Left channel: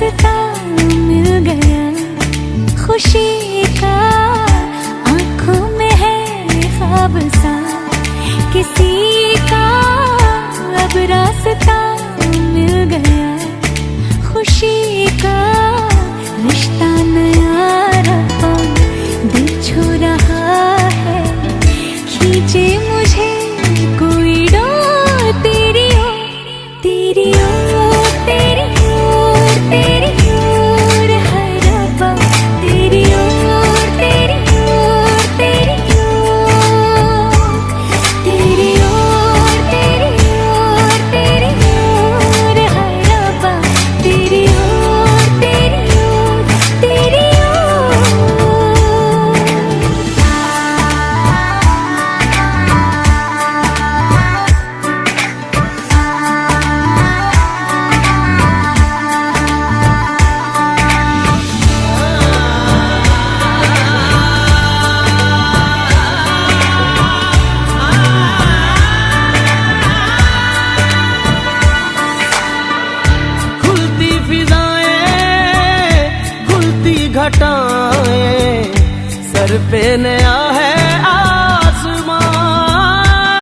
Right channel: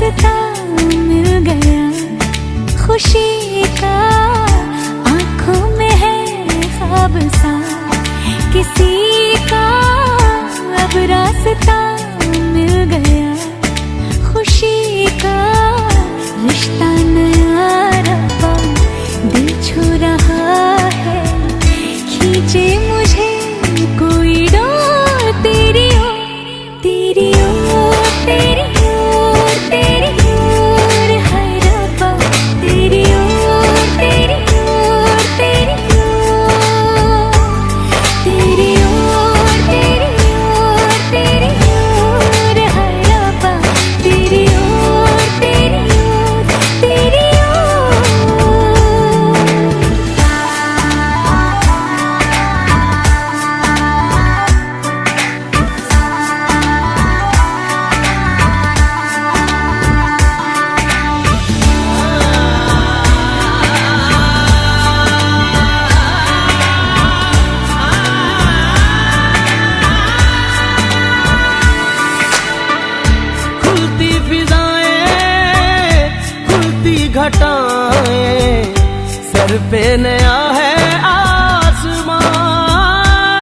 रास्ता मिल गया खुशी का, आंखों में है ख्वाब सा किसी का, अब रास्ता मिल गया खुशी का। रिश्ता नया रब्बा दिल छू रहा है, खींचे मुझे कोई डोर तेरी ओर, तेरी ओर, तेरी ओर, तेरी ओर है रब्बा, तेरी ओर, तेरी ओर, तेरी ओर, तेरी ओर, तेरी ओर, तेरी ओर है रब्बा, तेरी ओर, तेरी ओर, तेरी ओर। खुलती फिजाएं, खुलती घटाएं, सर पे नया है